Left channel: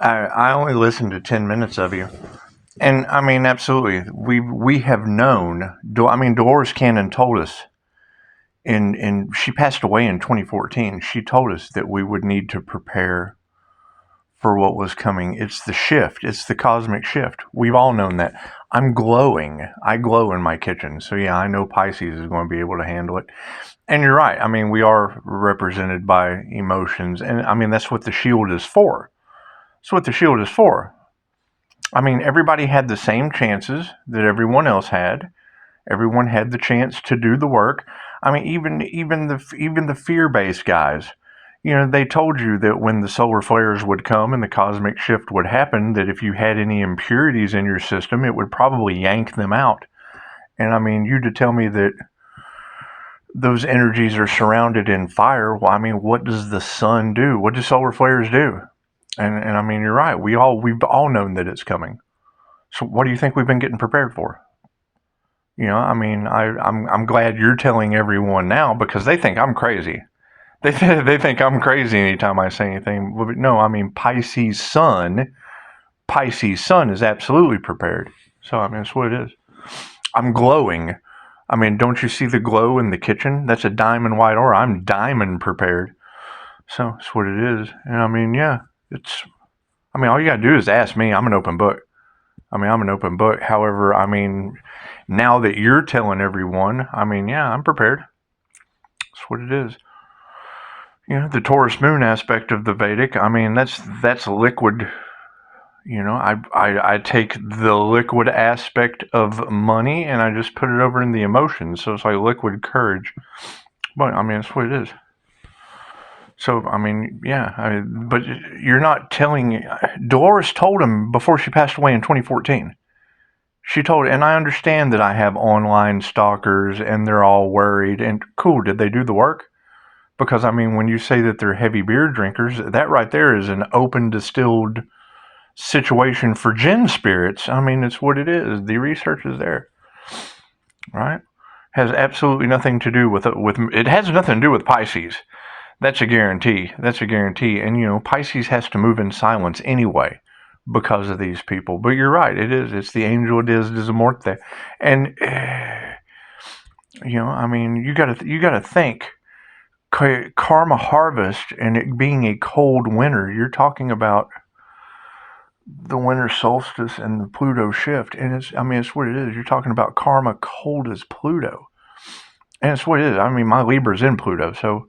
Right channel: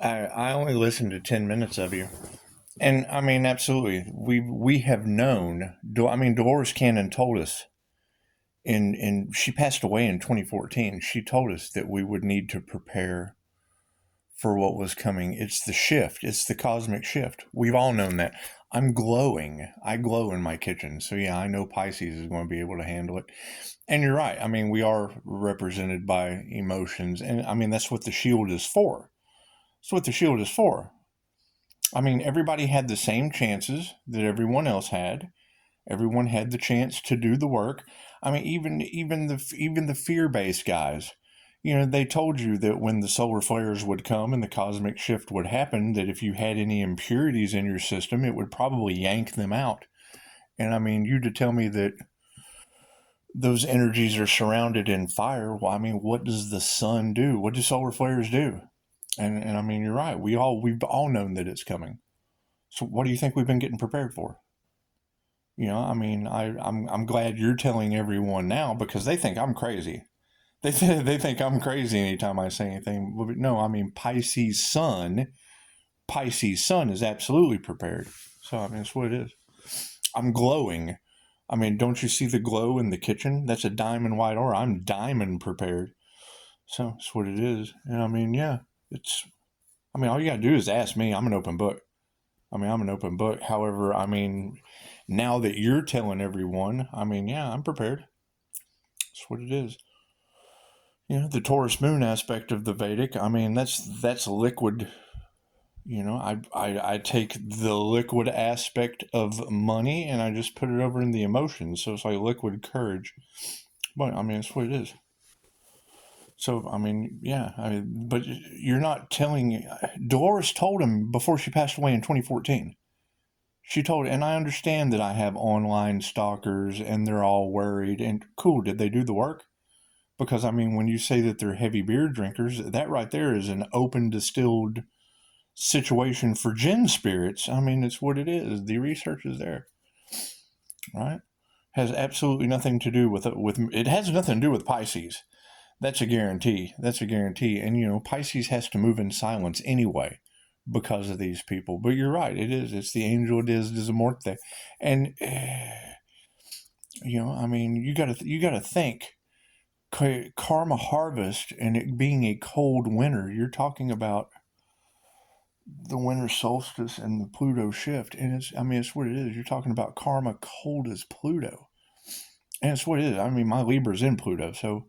I only listened to 10 minutes of you. And I mean, absolutely. We have known. I mean, Dolores Cannon told us, and she passed away in 2014. She told us that we would need to prepare for what was coming. It's the shift. It's the cosmic shift. We've all known that. I'm glowing. I glow in my kitchen. So yeah, I know Pisces is going to be able to handle it. And you're right. I mean, we are represented by emotions. And I mean, that's what the shield is for. That's what the shield is for. I mean, everybody had the same chances that everyone else had. Everyone had the chance to do the work. I mean, even the fear-based guys, they told you that when the solar flares would come and the cosmic shift would happen, that if you had any impurities in your system, it would probably yank them out. And I mean, you to tell me that those energies are surrounded in fire. Well, I mean, what does the sun do? What do solar flares do? And I mean, you're right. We've all known that it's coming. So what do you think we've been getting prepared for? I mean, I'm glad you're telling everyone now because they think I'm crazy. They think I'm crazy anytime I say anything. But no, I mean Pisces Sun is absolutely prepared. So I mean, that's what it is. I'm glowing. I mean, don't you see the glow in the kitchen? That's a diamond white aura. I'm diamond prepared. So that's what it is. And I mean, yeah, all you gotta do is ask me. I'm an open book. I'm an open book. However, I mean, now that you're telling everyone, I mean, yeah, I'm prepared. That's what it is. The Taurus moon aspect of the Vedic, I mean, that's liquid. I take the liquid aspect of money and I just put it over in the emotions. So it's like liquid courage. But I mean, that's what it is. So, I mean, yeah, but you're not telling. Dolores told him before she passed away in 2014. She told, and I understand that I have online stalkers and they're all worried. And cool, did they do the work? Because, I mean, when you say that they're heavy beer drinkers, that right there is an open distilled situation for gin spirits. I mean, it's what it is. The research is there, right? Has absolutely nothing to do with it has nothing to do with Pisces. That's a guarantee. And, Pisces has to move in silence anyway because of these people. But you're right. It is. It's the angel des Morte. And, I mean, you gotta think karma harvest and it being a cold winter. You're talking about the winter solstice and the Pluto shift. And it's what it is. You're talking about karma cold as Pluto. And it's what it is. I mean, my Libra's in Pluto, so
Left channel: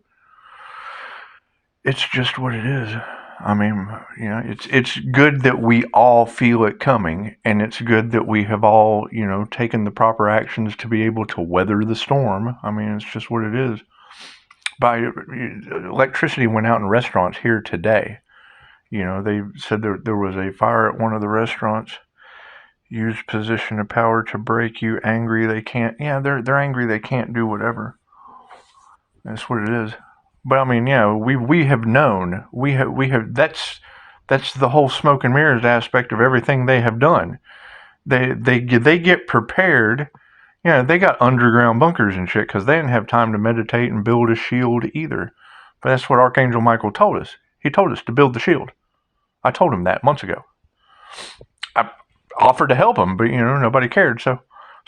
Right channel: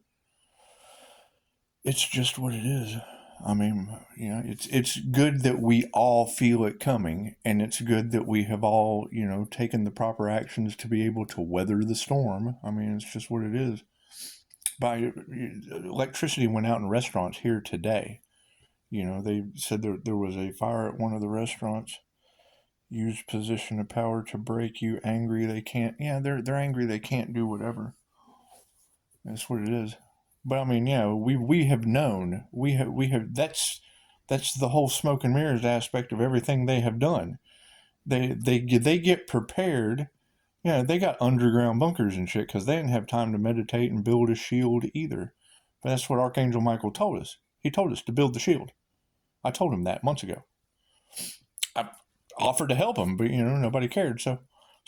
it's just what it is. I mean, it's good that we all feel it coming, and it's good that we have all, taken the proper actions to be able to weather the storm. I mean, it's just what it is. Electricity went out in restaurants here today. They said there was a fire at one of the restaurants. Use position of power to break you. Angry they can't. Yeah, they're angry they can't do whatever. That's what it is. But I mean, yeah, we have known. We have. That's the whole smoke and mirrors aspect of everything they have done. They get prepared. Yeah, they got underground bunkers and shit because they didn't have time to meditate and build a shield either. But that's what Archangel Michael told us. He told us to build the shield. I told him that months ago. I offered to help him, but nobody cared. So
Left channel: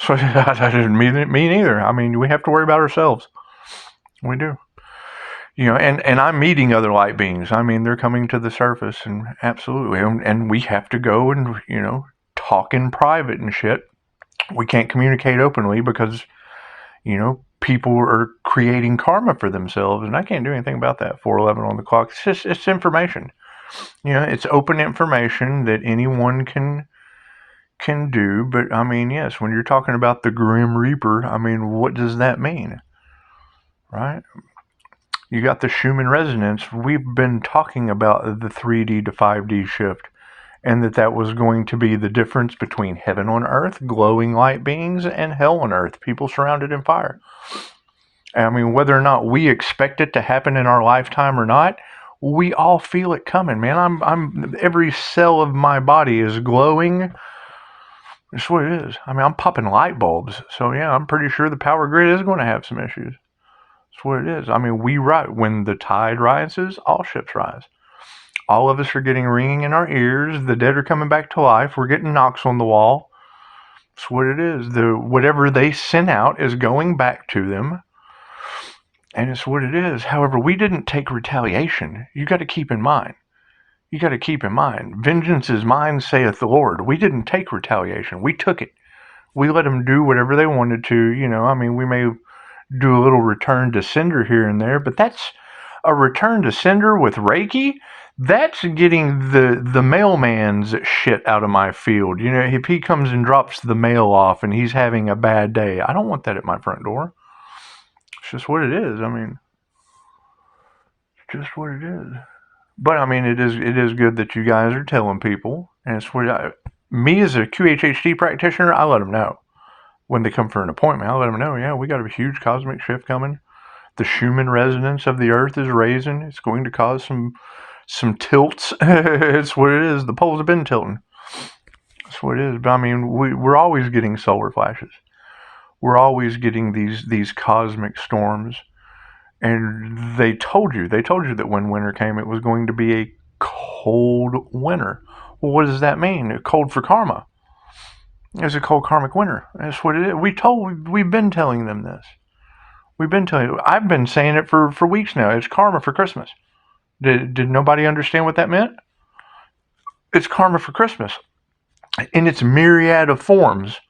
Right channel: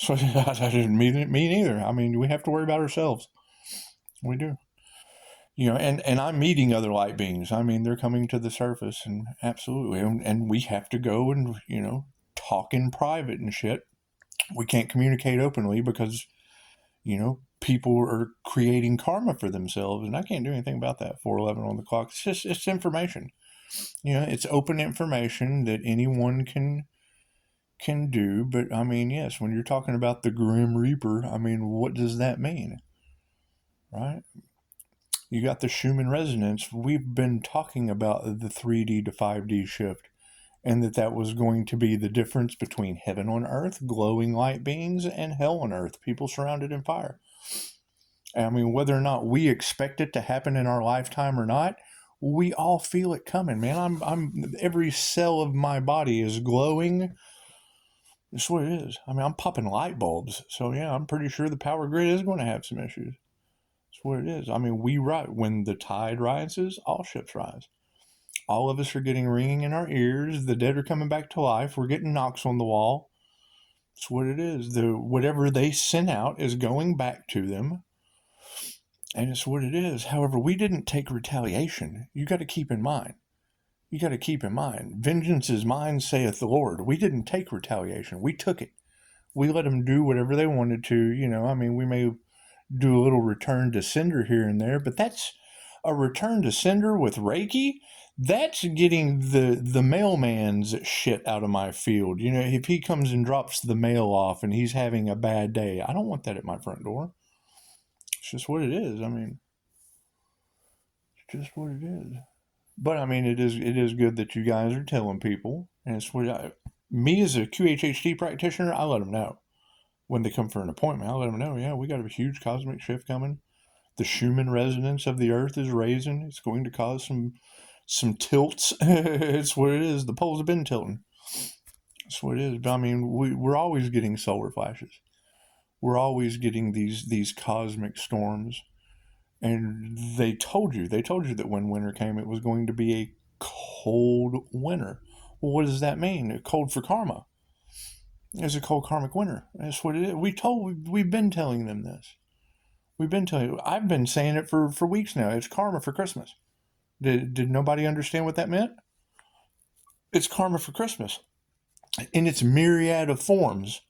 I didn't mean it. Me neither. I mean, we have to worry about ourselves. We do. And I'm meeting other light beings. I mean, they're coming to the surface, and absolutely, and we have to go and talk in private and shit. We can't communicate openly because people are creating karma for themselves, and I can't do anything about that. 4:11 on the clock. It's information. It's open information that anyone can do. But I mean, yes, when you're talking about the Grim Reaper, I mean, what does that mean, right? You got the Schumann resonance. We've been talking about the 3D to 5D shift, and that was going to be the difference between heaven on earth, glowing light beings, and hell on earth, people surrounded in fire. I mean, whether or not we expect it to happen in our lifetime or not, we all feel it coming, man. I'm every cell of my body is glowing. That's what it is. I mean, I'm popping light bulbs, so yeah, I'm pretty sure the power grid is going to have some issues. That's what it is. I mean, when the tide rises, all ships rise. All of us are getting ringing in our ears. The dead are coming back to life. We're getting knocks on the wall. That's what it is. Whatever they sent out is going back to them. And it's what it is. However, we didn't take retaliation. You got to keep in mind. Vengeance is mine, saith the Lord. We didn't take retaliation. We took it. We let them do whatever they wanted to. We may do a little return to sender here and there, but that's a return to sender with Reiki. That's getting the mailman's shit out of my field. If he comes and drops the mail off and he's having a bad day, I don't want that at my front door. It's just what it is. It's just what it is. But it is good that you guys are telling people. And it's what me as a QHHT practitioner, I let them know when they come for an appointment. I let them know, yeah, we got a huge cosmic shift coming. The Schumann resonance of the Earth is raising. It's going to cause some tilts. It's what it is. The poles have been tilting. That's what it is. But we're always getting solar flashes. We're always getting these cosmic storms. And they told you that when winter came, it was going to be a cold winter. Well, what does that mean? Cold for karma. It's a cold karmic winter. That's what it is. We've been telling them this. I've been saying it for weeks now. It's karma for Christmas. Did nobody understand what that meant? It's karma for Christmas in its myriad of forms,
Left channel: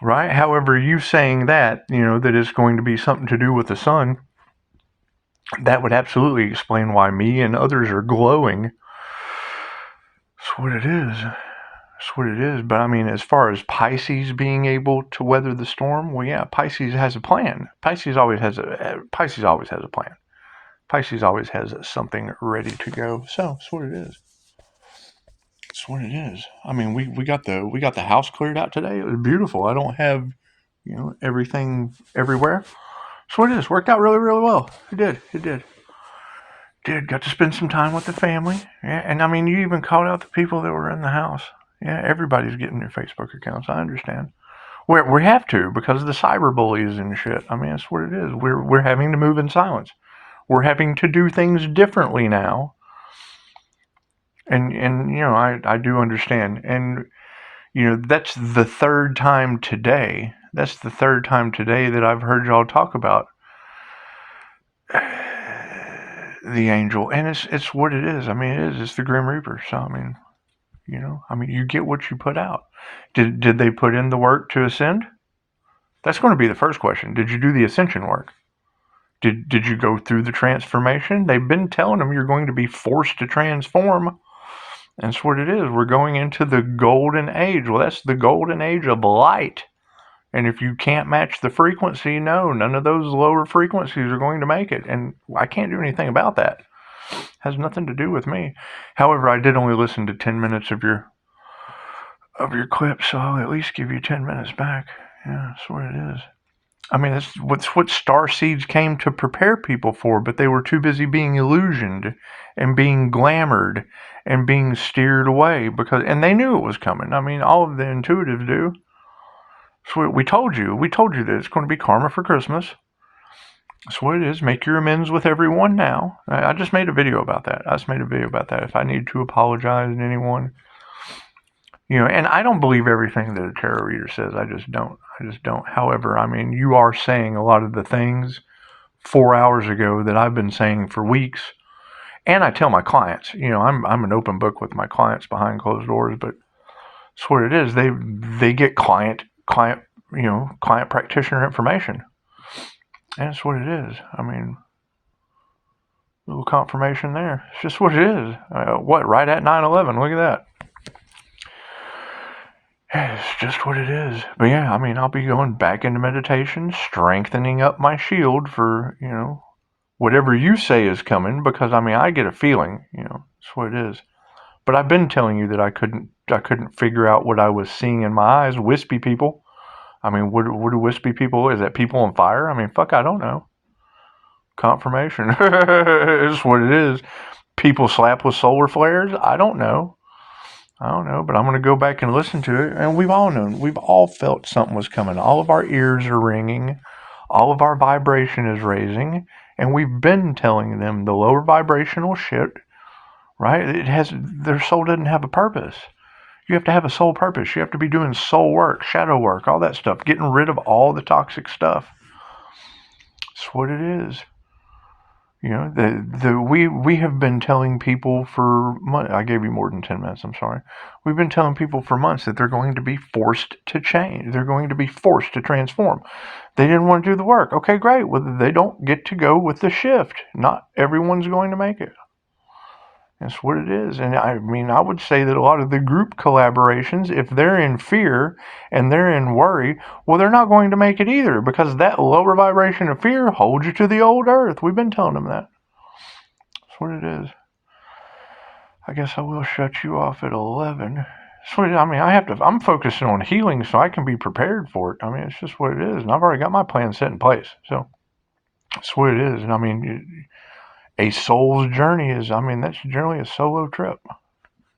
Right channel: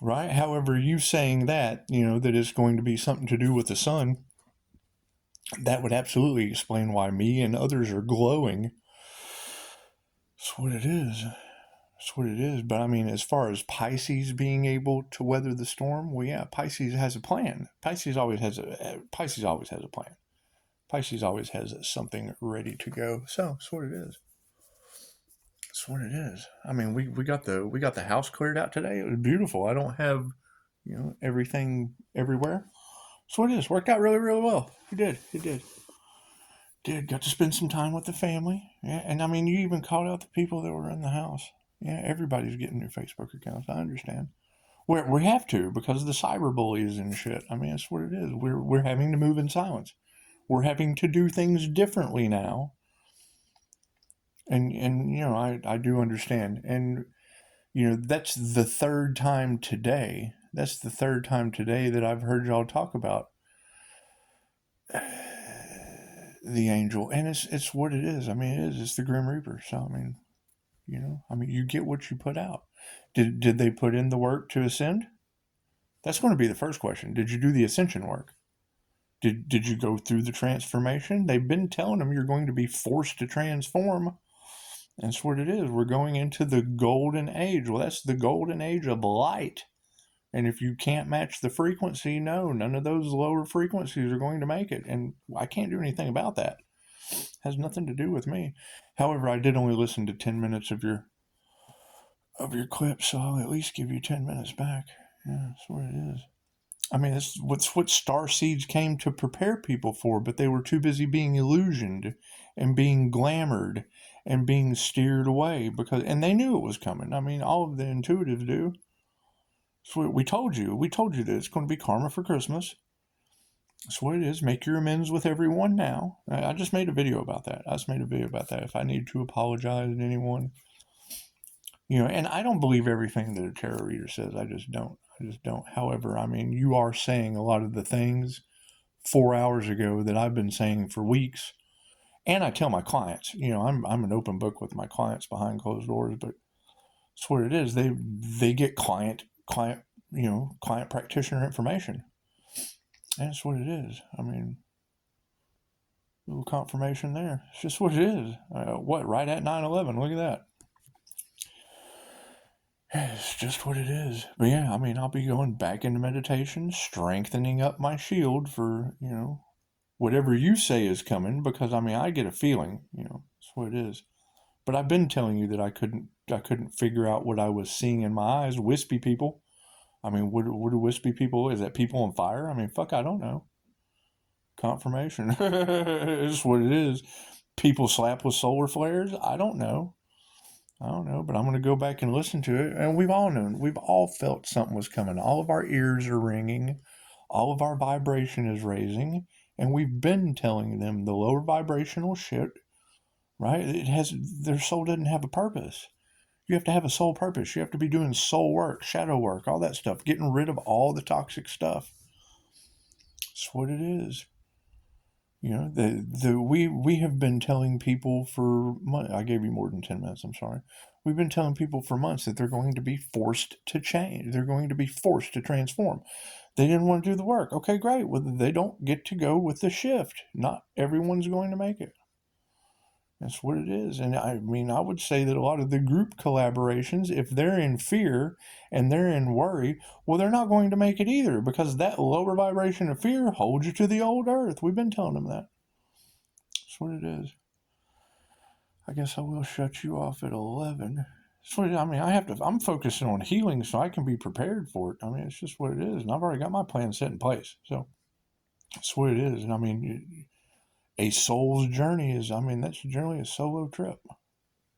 right? However, you saying that it's going to be something to do with the sun, that would absolutely explain why me and others are glowing. That's what it is. But as far as Pisces being able to weather the storm, well, yeah, Pisces has a plan. Pisces always has a plan. Pisces always has something ready to go. So that's what it is. We got the house cleared out today. It was beautiful. I don't have everything everywhere. That's what it is. Worked out really, really well. It did. Got to spend some time with the family. Yeah, and you even called out the people that were in the house. Yeah, everybody's getting new Facebook accounts. I understand. We have to because of the cyber bullies and shit. That's what it is. We're having to move in silence. We're having to do things differently now. And I do understand. And that's the third time today. That I've heard y'all talk about the angel, and it's what it is. It's the Grim Reaper. So you get what you put out. Did they put in the work to ascend? That's going to be the first question. Did you do the ascension work? Did you go through the transformation? They've been telling them you're going to be forced to transform. That's what it is. We're going into the golden age. Well, that's the golden age of light. And if you can't match the frequency, no, none of those lower frequencies are going to make it. And I can't do anything about that. It has nothing to do with me. However, I did only listen to 10 minutes of your clip, so I'll at least give you 10 minutes back. Yeah, that's what it is. That's what star seeds came to prepare people for, but they were too busy being illusioned and being glamored and being steered away and they knew it was coming. All of the intuitives do. So we told you that it's going to be karma for Christmas. That's what it is. Make your amends with everyone now. I just made a video about that. If I need to apologize to anyone, and I don't believe everything that a tarot reader says. I just don't. However, you are saying a lot of the things 4 hours ago that I've been saying for weeks. And I tell my clients, I'm an open book with my clients behind closed doors, but that's what it is. They get client practitioner information. And that's what it is. Little confirmation there. It's just what it is. Right at 9/11. Look at that. It's just what it is. But yeah, I'll be going back into meditation, strengthening up my shield for, whatever you say is coming, because I get a feeling, that's what it is. But I've been telling you that I couldn't figure out what I was seeing in my eyes. Wispy people. What do wispy people? Is that people on fire? Fuck, I don't know. Confirmation. It's what it is. People slap with solar flares? I don't know, but I'm going to go back and listen to it. And we've all known. We've all felt something was coming. All of our ears are ringing. All of our vibration is raising. And we've been telling them the lower vibrational shit right? Their soul doesn't have a purpose. You have to have a soul purpose. You have to be doing soul work, shadow work, all that stuff, getting rid of all the toxic stuff. That's what it is. You know, we have been telling people for months. I gave you more than 10 minutes. I'm sorry. We've been telling people for months that they're going to be forced to change. They're going to be forced to transform. They didn't want to do the work. Okay, great. Well, they don't get to go with the shift. Not everyone's going to make it. That's what it is. And I mean, I would say that a lot of the group collaborations, if they're in fear and they're in worry, well, they're not going to make it either, because that lower vibration of fear holds you to the old earth. We've been telling them that. That's what it is. I guess I will shut you off at 11. So, I mean, I'm focusing on healing so I can be prepared for it. I mean, it's just what it is. And I've already got my plan set in place. So that's what it is. And I mean, a soul's journey is, I mean, that's generally a solo trip.